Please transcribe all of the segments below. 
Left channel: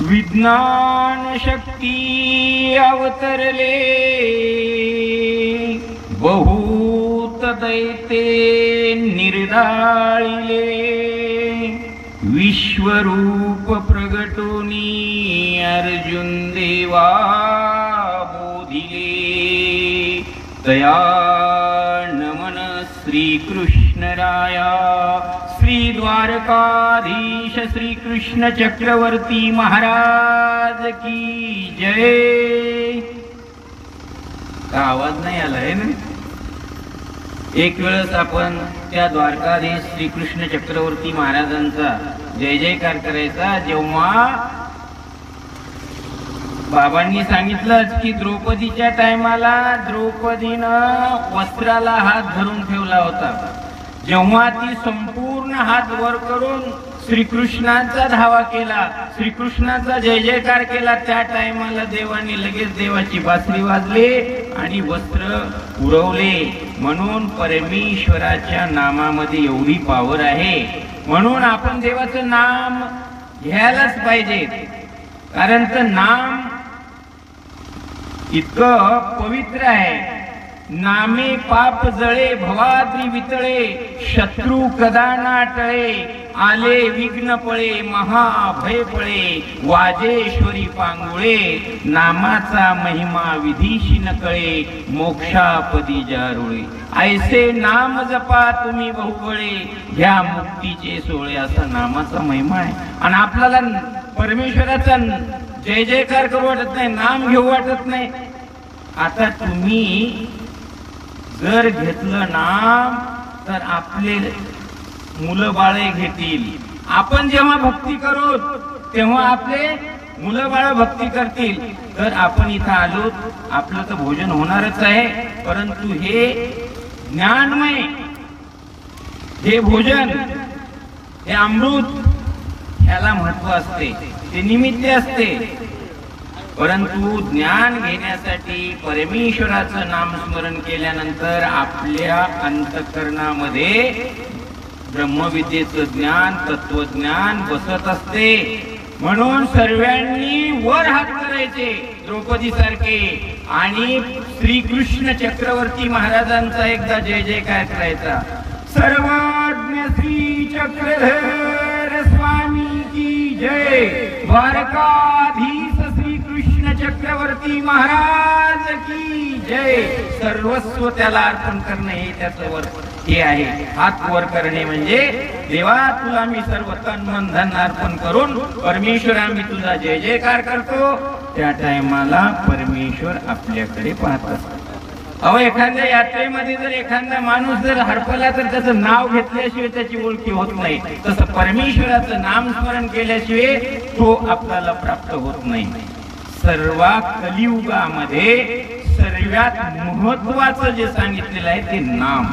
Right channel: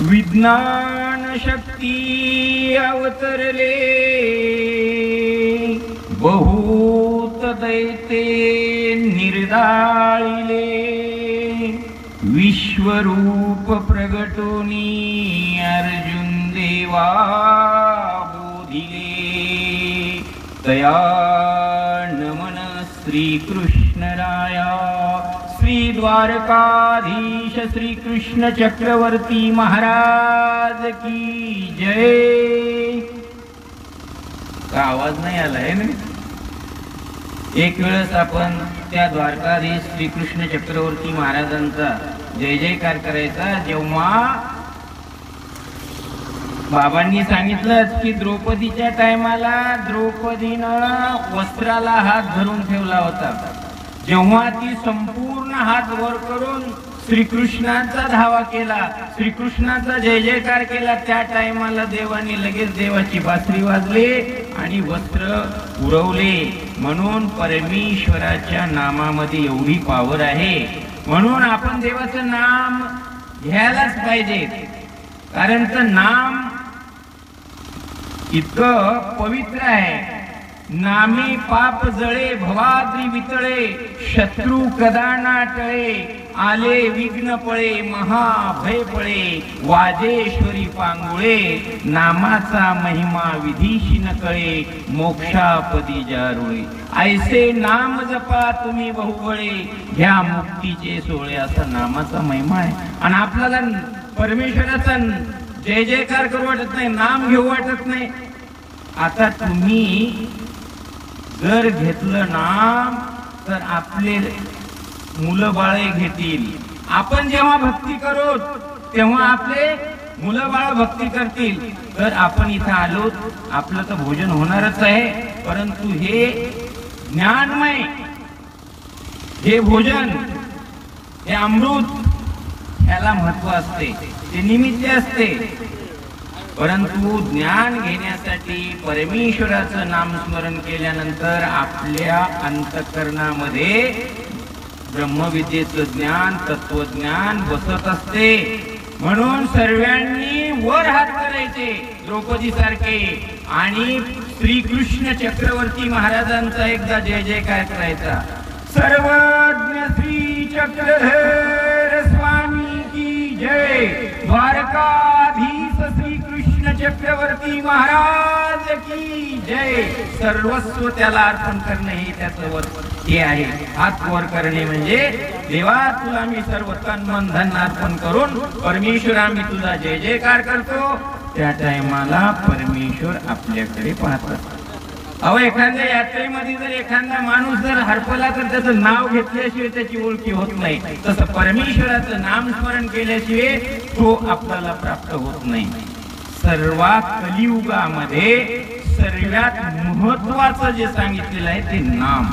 विज्ञान शक्ती अवतरले, बहुत दैते निर्दाळिले, विश्वरूप प्रगटोनी अर्जुन देवा बोधिले, तया नमन श्री कृष्ण राया, श्री द्वारकाधीश श्री कृष्ण चक्रवर्ती महाराज की जय। का आवाज नाही आला आहे ना? एक वेळेस आपण त्या द्वारकाधीश श्री कृष्ण चक्रवर्ती महाराजांचा जय जयकार करायचा, जेव्हा बाबांनी सांगितलं की द्रौपदीच्या टायमाला द्रौपदीनं वस्त्राला हात धरून ठेवला होता, जेव्हा ती संपूर्ण हात वर करून श्रीकृष्णाचा धावा केला, श्रीकृष्णाचा जय जयकार केला, त्या टायमाला देवानी लगेच देवाची बासरी वाजली आणि वस्त्र उडवले। म्हणून परमेश्वराच्या नामामध्ये एवढी पावर आहे, म्हणून आपण देवाचं नाम घ्यायलाच पाहिजे, कारण ते नाम इतकं पवित्र आहे। नामे पाप जळे भवाद्री वितळे, शत्रु कदा नाटळे, आले विघ्न पळे महाभय पळे, वाजेश्वरी पांगुळे, नामाचा महिमा विधीशी न कळे, मोक्षापदी जारुळे, ऐसे नाम जपा तुम्ही बहुबळे, घ्या मुक्तीचे सोहळे, असा नामाचा महिमा आहे। आणि आपल्याला परमेश्वराचा जय जयकार करू वाटत नाही, नाम घेऊ वाटत नाही। आता तुम्ही जर घेतलं नाम तर आपले मुलं बाळे घेतील, आपण जेव्हा भक्ती करू तेव्हा आपले मुलं बाळ भक्ती करतील। तर आपण इथं आलो, आपलं तर भोजन होणारच आहे, परंतु हे ज्ञानमय, हे भोजन, हे अमृत, ह्याला महत्व असते, ते निमित्त असते। परंतु ज्ञान घेण्यासाठी परमेश्वराचं नामस्मरण केल्यानंतर आपल्या अंतःकरणामध्ये ब्रह्मविद्येचं ज्ञान, तत्वज्ञान बसत असते। म्हणून सर्वांनी वर हात करायचे द्रौपदी सारखे आणि श्रीकृष्ण चक्रवर्ती महाराजांचा एकदा जय जयकार करायचा। सर्वज्ञ श्री चक्रधर स्वामी की जय, द्वारकाधीश कृष्ण चक्रवर्ती महाराज की जय। सर्वस्व त्याला अर्पण करणे हे त्याचं वर हे आहे। हात वर करणे म्हणजे देवा तुला मी सर्व तन मन धन अर्पण करून परमेश्वरा मी तुझा जय जयकार करतो। त्या टायमाला परमेश्वर आपल्याकडे पाहत असतो। अहो, एखाद्या यात्रेमध्ये जर एखादा माणूस जर हरपला तर त्याचं नाव घेतल्याशिवाय त्याची ओळखी होत नाही, तसं परमेश्वराचं नामस्मरण केल्याशिवाय तो आपल्याला प्राप्त होत नाही। सर्वात कलियुगामध्ये सर्वात महत्वाचं जे सांगितलेलं आहे ते नाम,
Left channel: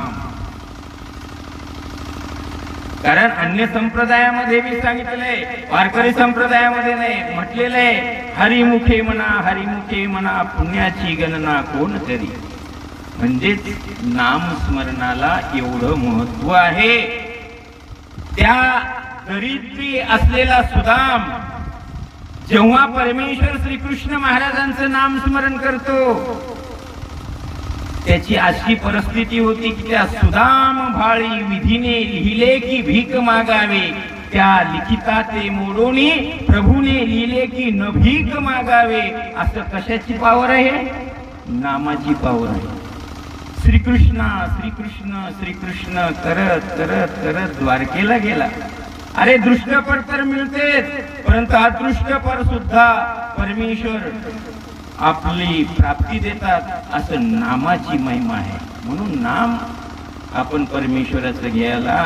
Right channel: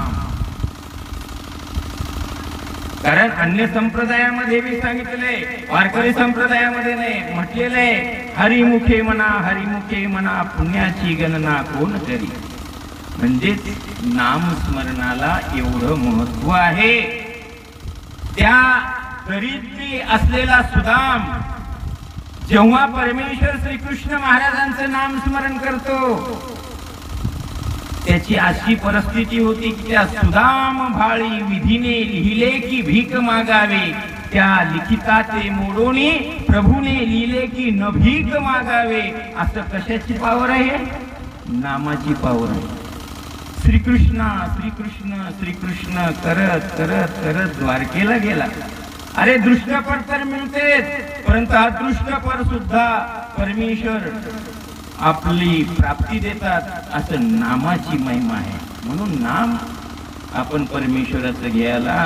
कारण अन्य संप्रदायामध्ये मी सांगितलंय, वारकरी संप्रदायामध्ये नाही म्हटलेलंय, हरिमुखे म्हणा हरिमुखे म्हणा पुण्याची गणना कोण करी। म्हणजे नामस्मरणाला एवढं महत्व आहे। त्या दरिद्री असलेला सुदाम जेव्हा परमेश्वर श्रीकृष्ण महाराजांचं नामस्मरण करतो, त्याची अशी परिस्थिती होती की त्या सुदाम भाळी विधीने लिहिले की भीक मागावे, त्या लिखिताचे मोडोनी प्रभूने लिहिले की न भीक मागावे। असं कशाची पावर आहे? नामाची पावर आहे। श्रीकृष्ण श्रीकृष्ण श्रीकृष्ण करत करत करत द्वारकेला गेला। अरे दृष्टपट तर मिळतेच, परंतु अदृष्टपट सुद्धा परमेश्वर आपली प्राप्ती देतात, असं नामाची महिमा आहे। म्हणून नाम आपण परमेश्वराचं घ्यायला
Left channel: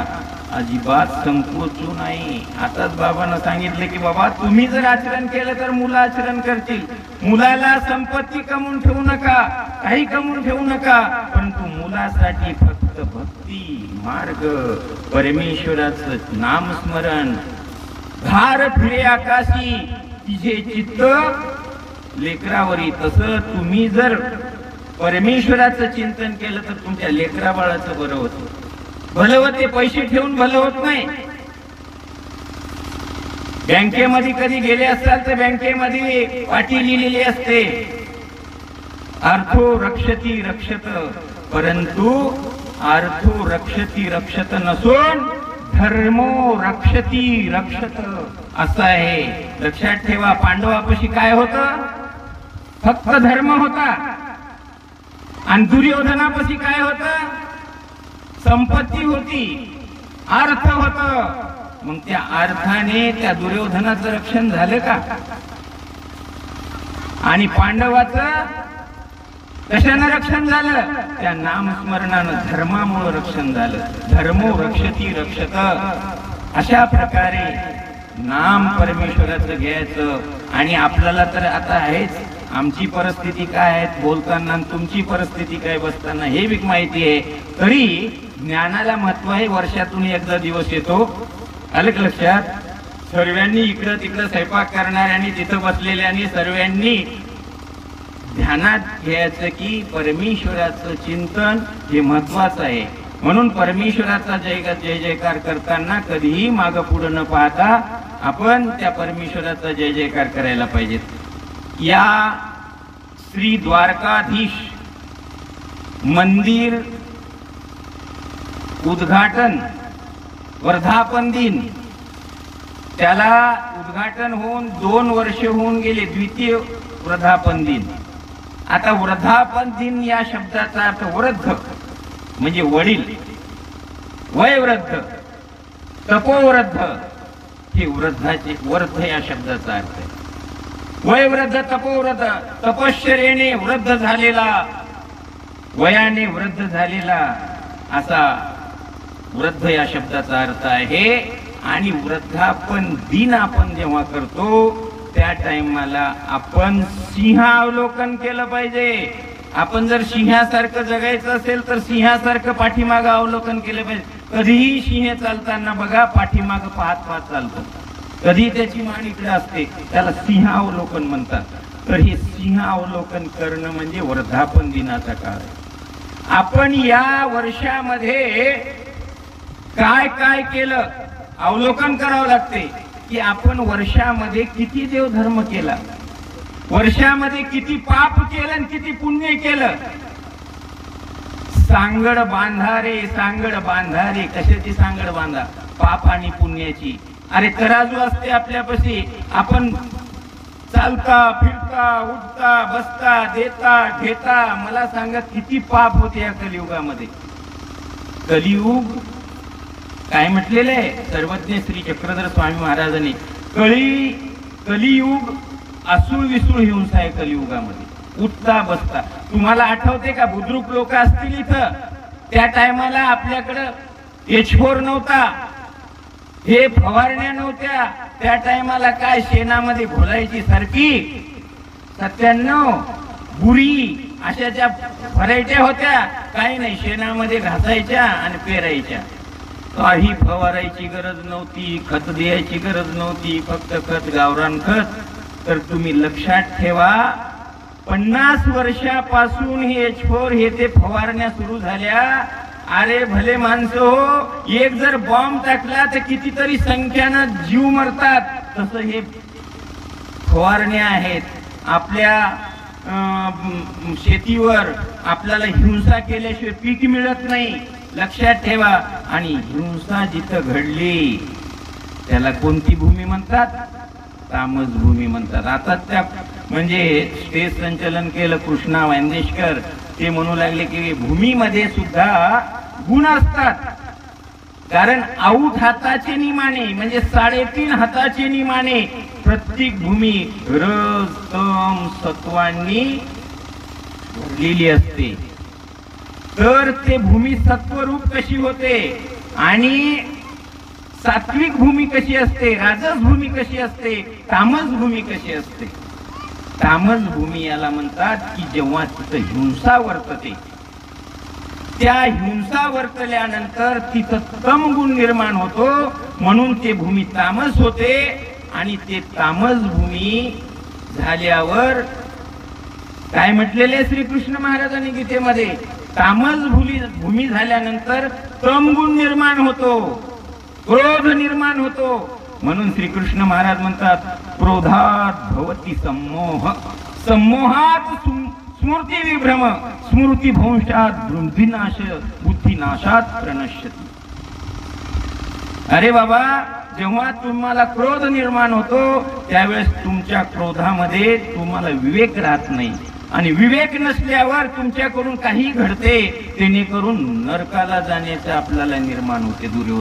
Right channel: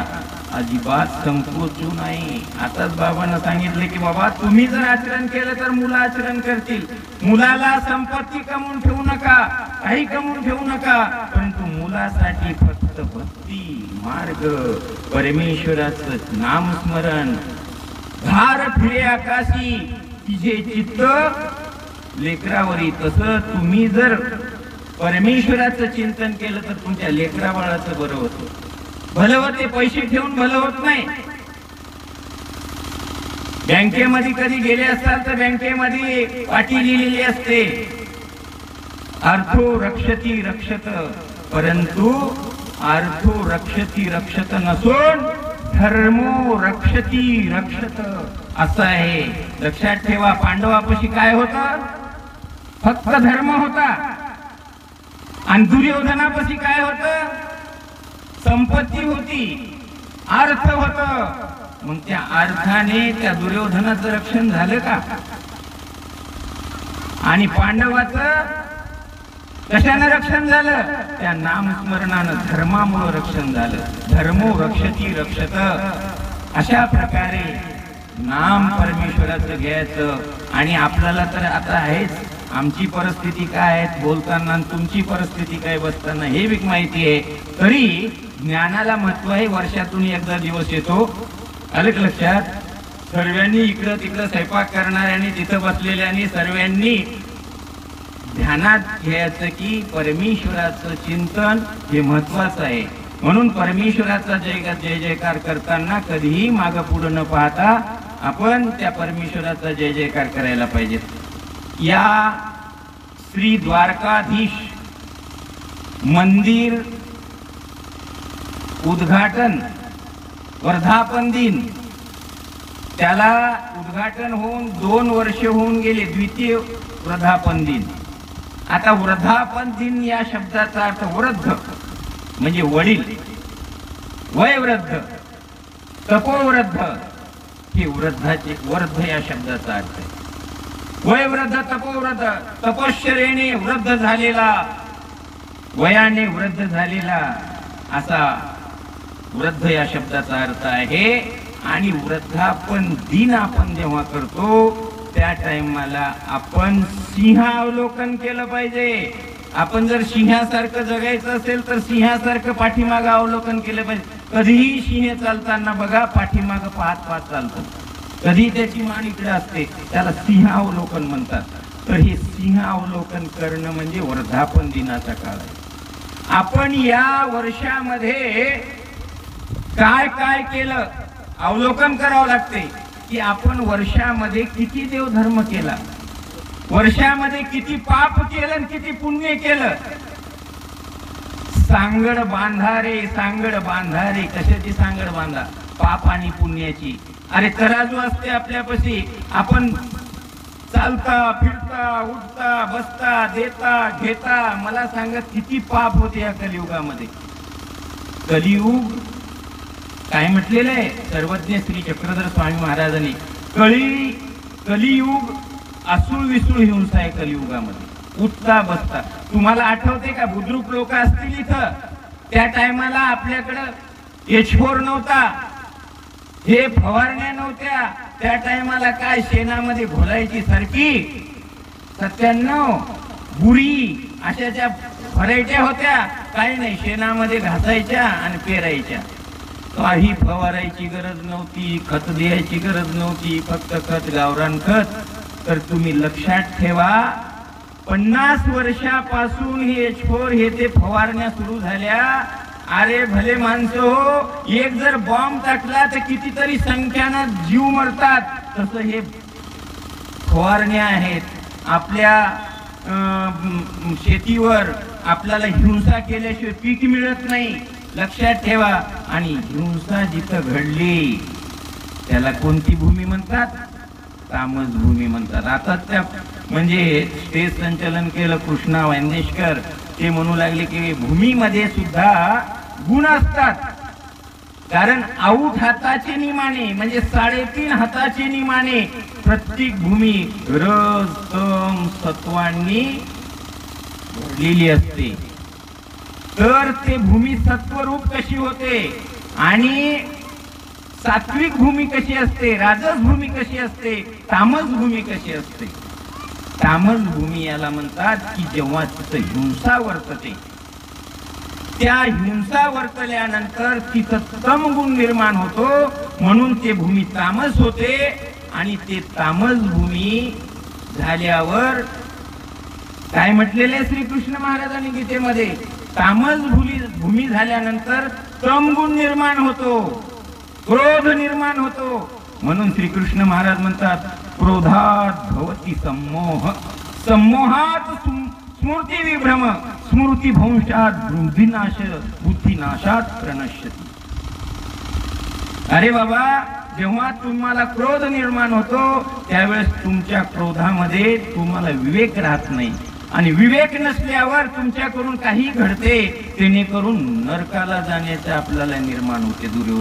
अजिबात संकोचू नाही। आताच बाबांना सांगितले की बाबा तुम्ही जर आचरण केलं तर मुलं आचरण करतील, मुलाला संपत्ती कमवून ठेवू नका, काही कमवून ठेवू नका, परंतु मुलासाठी फक्त भक्ती मार्ग, परमेश्वराचं नामस्मरण, भार फिरे आकाशी तिचे चित्त लेकरावरी। तसं तुम्ही जर परमेश्वराचं चिंतन केलं तर तुमच्या लेकरा बाळाचं बरं होतं। भलं होते, पैसे ठेवून भलं होत नाही। बँकेमध्ये कधी गेले असाल तर बँकेमध्ये पाटी लिहिलेली असते, अर्थो रक्षती रक्षत, परंतु अर्थो रक्षती रक्षत नसून धर्मो रक्षती रक्षत असं आहे. लक्षात ठेवा, पांडवापाशी काय होतं? फक्त धर्म होता. आणि दुर्योधनापाशी काय होतं? संपत्ती होती, अर्थ होत. मग त्या अर्थाने त्या दुर्योधनाचं रक्षण झालं का? आणि पांडवाचं कशानं रक्षण झालं? त्या नामस्मरणानं, धर्मामुळे रक्षण झालं. धर्मो रक्षती रक्षत. अशा प्रकारे नाम परमेश्वराचं घ्यायचं. आणि आपल्याला तर आता आहेच, आमची परिस्थिती काय आहे बोलताना, तुमची परिस्थिती काय बसताना हे बी माहिती आहे. तरी ज्ञानाला महत्व आहे. वर्षातून एकदा दिवस येतो. आलं लक्षात? सर्वांनी इकडं तिकडं स्वयंपाक करणाऱ्यांनी, तिथं बसलेल्यांनी सर्वांनी ध्यानात घ्यायचं की परमेश्वराचं चिंतन हे महत्वाचं आहे. म्हणून परमेश्वराचा जय जयकार करताना कधीही मागं पुढं न पाहता आपण त्या परमेश्वराचा जय जयकार करायला पाहिजे. या श्री द्वारकाधीश मंदिर उद्घाटन वर्धापन दिन, त्याला उद्घाटन होऊन 2 वर्ष होऊन गेले. द्वितीय वर्धापन दिन. आता वर्धापन दिन या शब्दाचा अर्थ वृद्ध म्हणजे वडील, वयवृद्ध, तपोवृद्ध. हे वृद्धाचे, वृद्ध या शब्दाचा अर्थ आहे. वयवृद्ध, तपोवृद्ध. तपश्चर्येने वृद्ध झालेला, वयाने वृद्ध झालेला, असा वृद्ध या शब्दाचा अर्थ आहे. आणि वृद्धापन दिन आपण जेव्हा करतो त्या टाइमाला आपण सिंहावलोकन केलं पाहिजे. आपण जर सिंहासारखं जगायचं असेल तर सिंहासारखं पाठीमागं अवलोकन केलं पाहिजे. कधीही सिंह चालताना बघा पाठीमागं पाहत पाहत चालतं. कधी त्याची मान इकडे असते, त्याला सिंहावलोकन म्हणतात. तर हे सिंहावलोकन करणं म्हणजे वर्धापन दिनाचा काळ आहे. आपण या वर्षामध्ये काय काय केलं अवलोकन करावं लागते की आपण वर्षामध्ये किती देवधर्म केला, वर्षामध्ये किती पाप केलं आणि किती पुण्य केलं. सांगड बांधा रे, सांगड बांधा रे. कशाची सांगड बांधा? पाप आणि पुण्याची. अरे तराजू असते आपल्यापाशी. आपण चालता फिरता उठता बसता देता घेता. मला सांगा किती पाप होते या कलियुगामध्ये. कलियुग काय म्हटलेले सर्वज्ञ श्री चक्रधर स्वामी महाराजांनी, कलियुग असून विसूळ हिंसा आहे कलियुगामध्ये. उठता बसता. तुम्हाला आठवते का बुद्रुक लोक असतील इथं, त्या टायमाला आपल्याकडं H4 नव्हता, हे फवारण्या नव्हत्या. त्या टायमाला काय शेणामध्ये घोलायची सारखी 97 बुरी अशा ज्या व्हरायट्या होत्या. काही नाही, शेणामध्ये घासायच्या आणि पेरायच्या. काही फवारायची गरज नव्हती, खत द्यायची गरज नव्हती, फक्त खत, गावरान खत. तर तुम्ही लक्षात ठेवा 50 वर्षापासून हे H4 हे ते फवारण्या सुरू झाल्या. अरे भले माणसं हो, एक जर बॉम्ब टाकला तर कितीतरी संख्यानं जीव मरतात. तसं हे फवारण्या आहेत. आपल्या शेतीवर आपल्याला हिंसा केल्याशिवाय पीक मिळत नाही. लक्षात ठेवा. आणि हिंसा जिथं घडली त्याला कोणती भूमी म्हणतात? तामस भूमी म्हणतात. आता त्या म्हणजे स्टेज संचलन केलं कृष्णा वांदेशकर, ते म्हणू लागले की भूमीमध्ये सुद्धा गुण असतात. कारण आऊट हाताची निमाणे म्हणजे 3.5 हाताची निमाणे प्रत्येक भूमी रज तम सत्वांनी भरलेली असते. तर ते भूमी सत्वरूप कशी होते आणि सात्विक भूमी कशी असते, राजस भूमी कशी असते, तामस भूमी कशी असते. तामस भूमी याला म्हणतात की जेव्हा तिथं हिंसा वर्तते, त्या हिंसा वर्तल्यानंतर तिथं तमगुण निर्माण होतो. म्हणून ते भूमी तामस होते. आणि ते तामस भूमी झाल्यावर काय म्हटलेले श्रीकृष्ण महाराजांनी गीतेमध्ये, तामस भूमी झाल्यानंतर तमगुण निर्माण होतो, क्रोध निर्माण होतो. म्हणून श्रीकृष्ण महाराज म्हणतात क्रोधात भवती सम्मोह, सम्मोहात स्मृती विभ्रम, स्मृती भंशात बुद्धिनाश, बुद्धिनाशात प्रणश्यती. अरे बाबा, जेव्हा तुम्हाला क्रोध निर्माण होतो त्यावेळेस तुमच्या क्रोधामध्ये तुम्हाला विवेक राहत नाही, आणि विवेक नसल्यावर तुमच्याकडून काही घडते, जेणेकरून नरकाला जाण्याचे आपल्याला निर्माण होते. दुर्योधन